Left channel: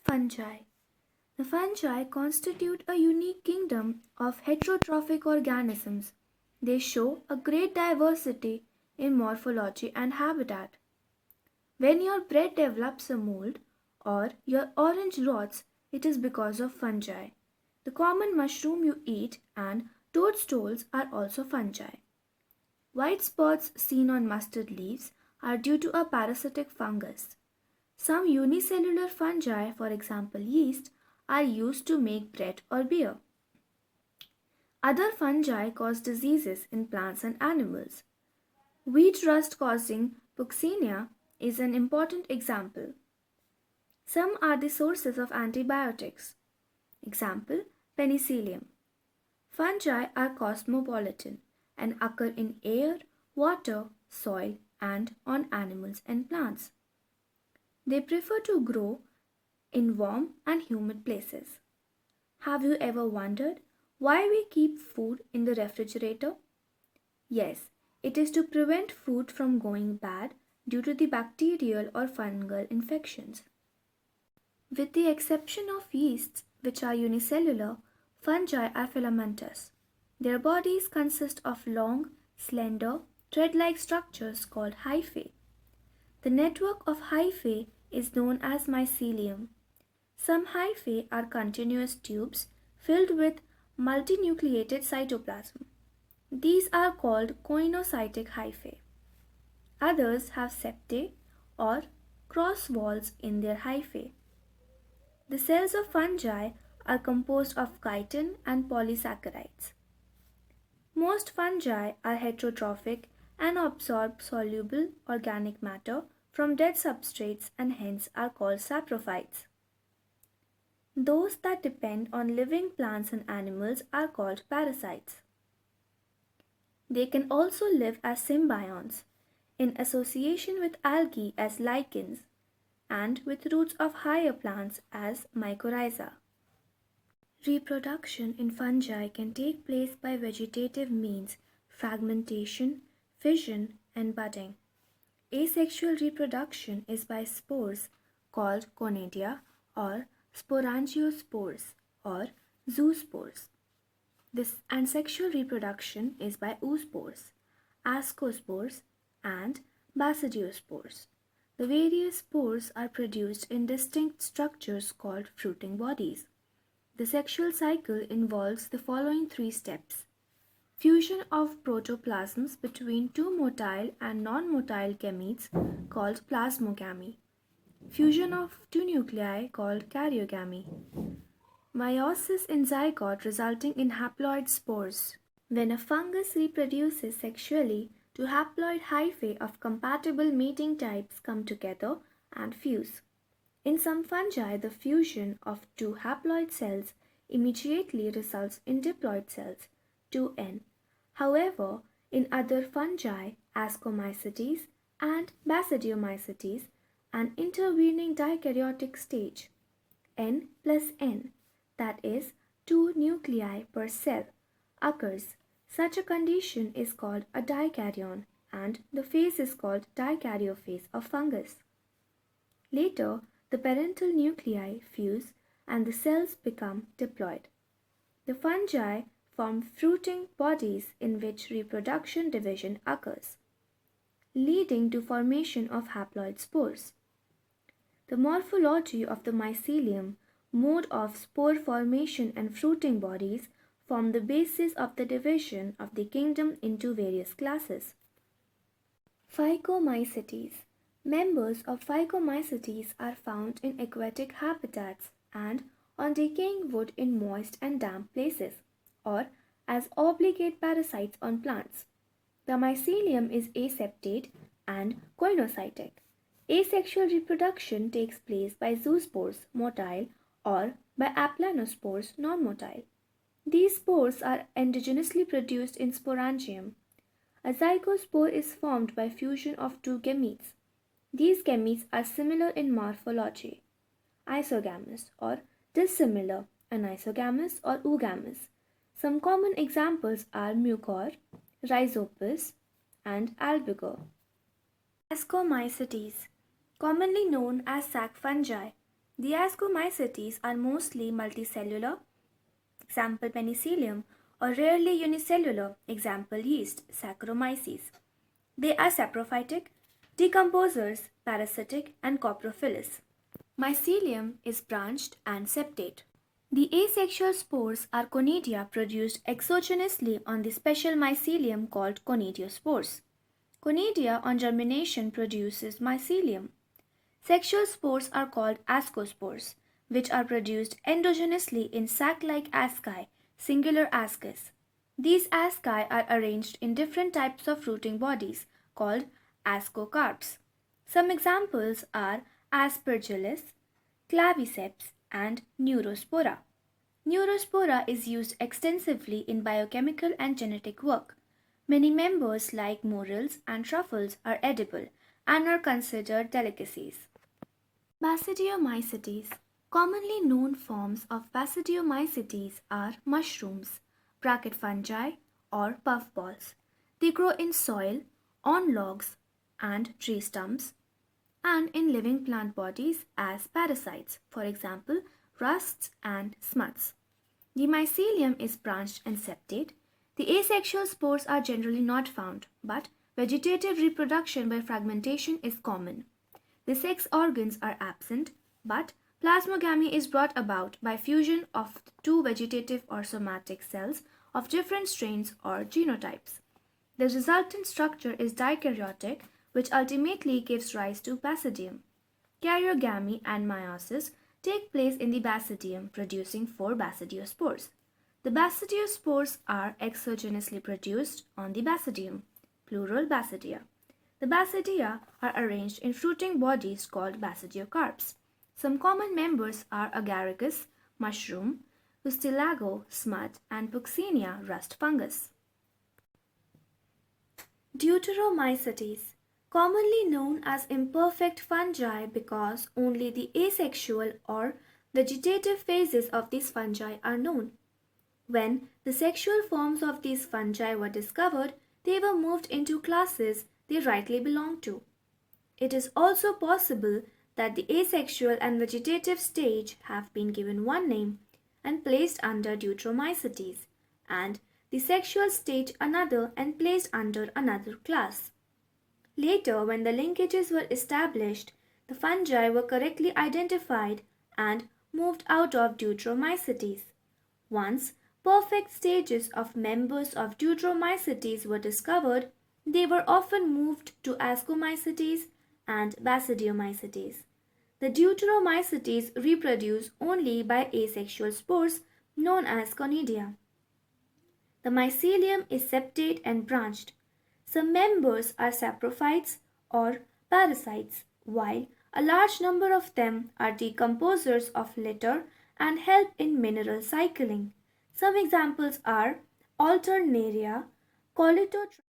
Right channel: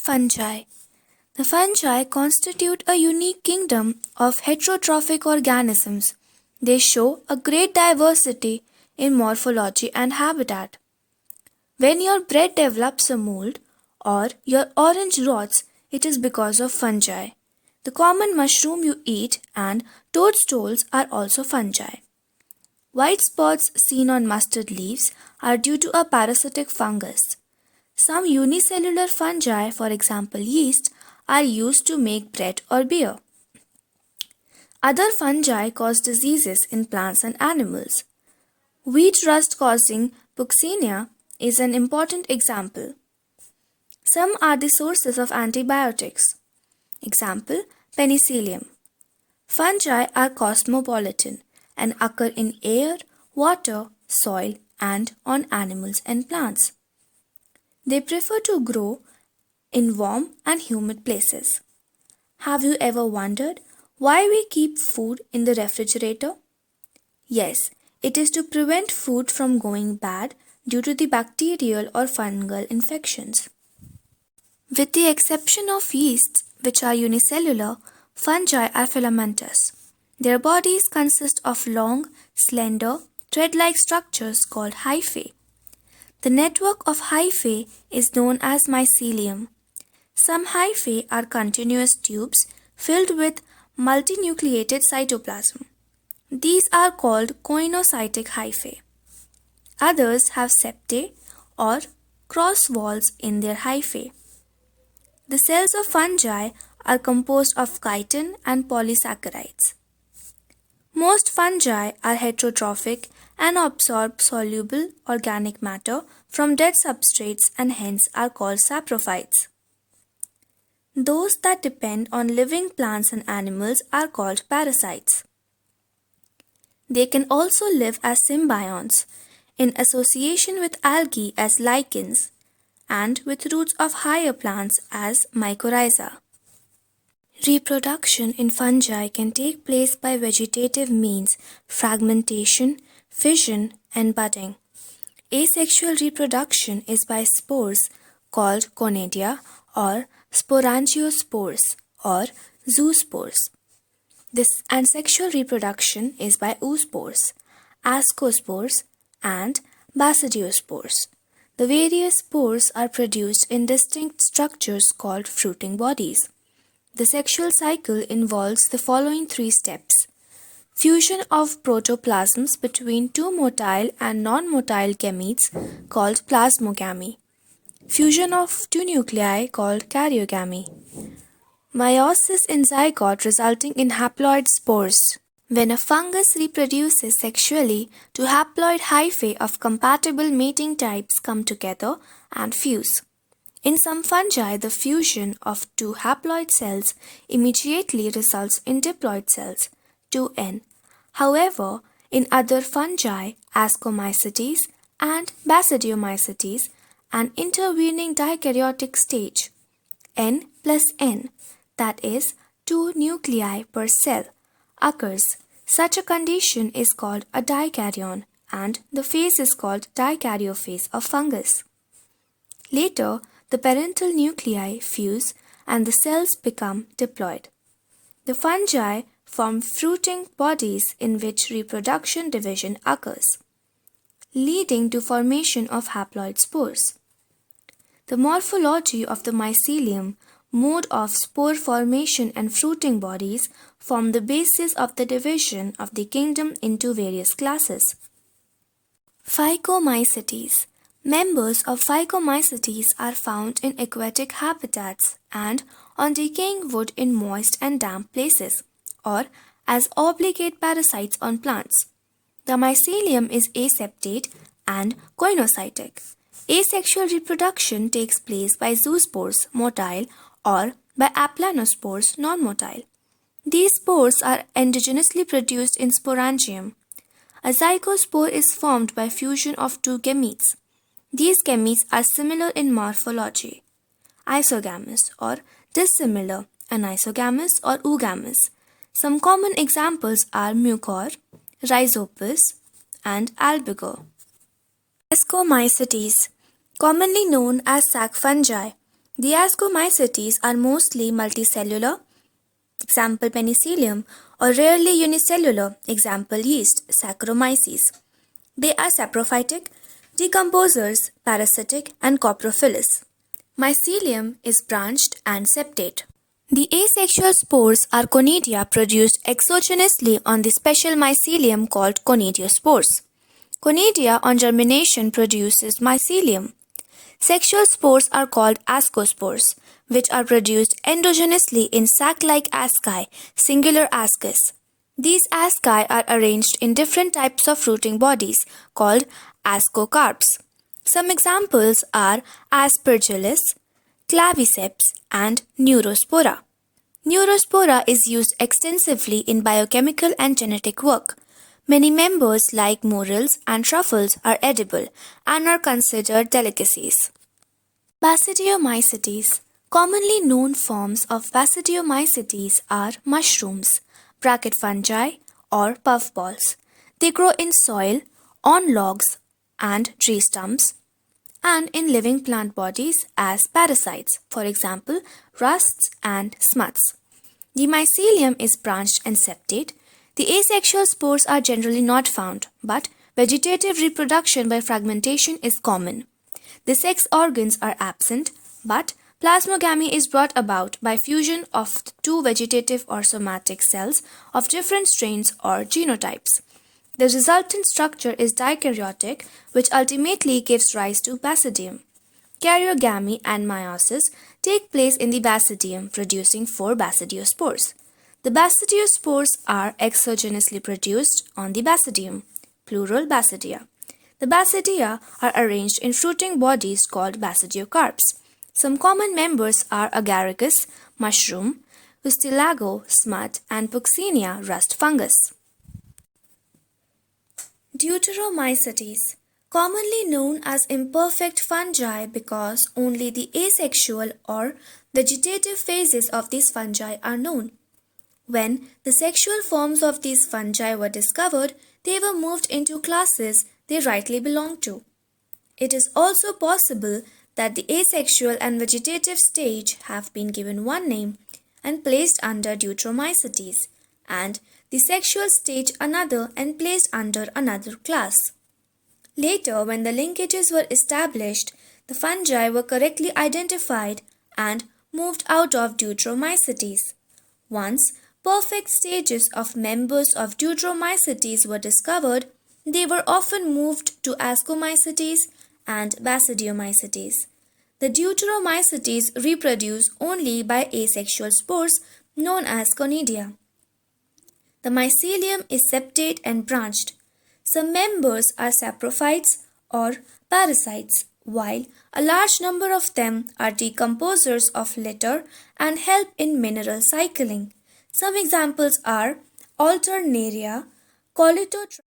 Fungi. The fungi constitute a unique kingdom of heterotrophic organisms. They show a great diversity in morphology and habitat. When your bread develops a mold or your orange rots, it is because of fungi. The common mushroom you eat and toadstools are also fungi. White spots seen on mustard leaves are due to a parasitic fungus. Some unicellular fungi, for example yeast, are used to make bread or beer. Other fungi cause diseases in plants and animals. Wheat rust causing Puccinia is an important example. Some are the sources of antibiotics. Example, penicillium. Fungi are cosmopolitan and occur in air, water, soil, and on animals and plants. They prefer to grow in warm and humid places. Have you ever wondered why we keep food in the refrigerator? Yes, it is to prevent food from going bad due to the bacterial or fungal infections. With the exception of yeasts, which are unicellular, fungi are filamentous. Their bodies consist of long, slender, thread-like structures called hyphae. The network of hyphae is known as mycelium. Some hyphae are continuous tubes filled with multinucleated cytoplasm. These are called coenocytic hyphae. Others have septae or cross walls in their hyphae. The cells of fungi are composed of chitin and polysaccharides. Most fungi are heterotrophic and absorb soluble organic matter from dead substrates and hence are called saprophytes. Those that depend on living plants and animals are called parasites. They can also live as symbionts in association with algae as lichens and with roots of higher plants as mycorrhiza. Reproduction in fungi can take place by vegetative means, fragmentation, fission, and budding. Asexual reproduction is by spores called conidia or sporangiospores or zoospores. And sexual reproduction is by oospores, ascospores, and basidiospores. The various spores are produced in distinct structures called fruiting bodies. The sexual cycle involves the following three steps: fusion of protoplasms between two motile and non-motile gametes called plasmogamy, fusion of two nuclei called karyogamy, meiosis in zygote resulting in haploid spores. When a fungus reproduces sexually, two haploid hyphae of compatible mating types come together and fuse. In some fungi, the fusion of two haploid cells immediately results in diploid cells, 2N. However, in other fungi, Ascomycetes and Basidiomycetes, an intervening dikaryotic stage, N plus N, that is, 2 nuclei per cell, occurs. Such a condition is called a dikaryon, and the phase is called dikaryophase of fungus. Later, the parental nuclei fuse and the cells become diploid. The fungi form fruiting bodies in which reproduction division occurs, leading to formation of haploid spores. The morphology of the mycelium, mode of spore formation and fruiting bodies form the basis of the division of the kingdom into various classes. Phycomycetes. Members of Phycomycetes are found in aquatic habitats and on decaying wood in moist and damp places, or as obligate parasites on plants. The mycelium is aseptate and coenocytic. Asexual reproduction takes place by zoospores, motile, or by aplanospores, non-motile. These spores are endogenously produced in sporangium. A zygospore is formed by fusion of two gametes. These gametes are similar in morphology, isogamous or dissimilar, anisogamous or oogamous. Some common examples are mucor, rhizopus, and albigo. Ascomycetes, commonly known as sac fungi. The ascomycetes are mostly multicellular, example penicillium, or rarely unicellular, example yeast, Saccharomyces. They are saprophytic, decomposers, parasitic, and coprophilous. Mycelium is branched and septate. The asexual spores are conidia produced exogenously on the special mycelium called conidiospores. Conidia on germination produces mycelium. Sexual spores are called ascospores, which are produced endogenously in sac-like asci, singular ascus. These asci are arranged in different types of fruiting bodies called ascocarps. Some examples are aspergillus, claviceps, and neurospora. Neurospora is used extensively in biochemical and genetic work. Many members like morels and truffles are edible and are considered delicacies. Basidiomycetes. Commonly known forms of Basidiomycetes are mushrooms, bracket fungi, or puffballs. They grow in soil, on logs and tree stumps, and in living plant bodies as parasites, for example, rusts and smuts. The mycelium is branched and septate. The asexual spores are generally not found, but vegetative reproduction by fragmentation is common. The sex organs are absent, but plasmogamy is brought about by fusion of two vegetative or somatic cells of different strains or genotypes. The resultant structure is dikaryotic, which ultimately gives rise to basidium. Karyogamy and meiosis take place in the basidium, producing 4 basidiospores. The basidiospores are exogenously produced on the basidium, plural basidia. The basidia are arranged in fruiting bodies called basidiocarps. Some common members are agaricus, mushroom, ustilago, smut, and puccinia, rust fungus. Deuteromycetes, commonly known as imperfect fungi because only the asexual or vegetative phases of these fungi are known. When the sexual forms of these fungi were discovered, they were moved into classes they rightly belonged to. It is also possible that the asexual and vegetative stage have been given one name and placed under Deuteromycetes, and the sexual stage another and placed under another class. Later, when the linkages were established, the fungi were correctly identified and moved out of Deuteromycetes. Once perfect stages of members of Deuteromycetes were discovered, they were often moved to Ascomycetes and Basidiomycetes. The Deuteromycetes reproduce only by asexual spores known as conidia. The mycelium is septate and branched. Some members are saprophytes or parasites, while a large number of them are decomposers of litter and help in mineral cycling. Some examples are Alternaria, Colitotrophs,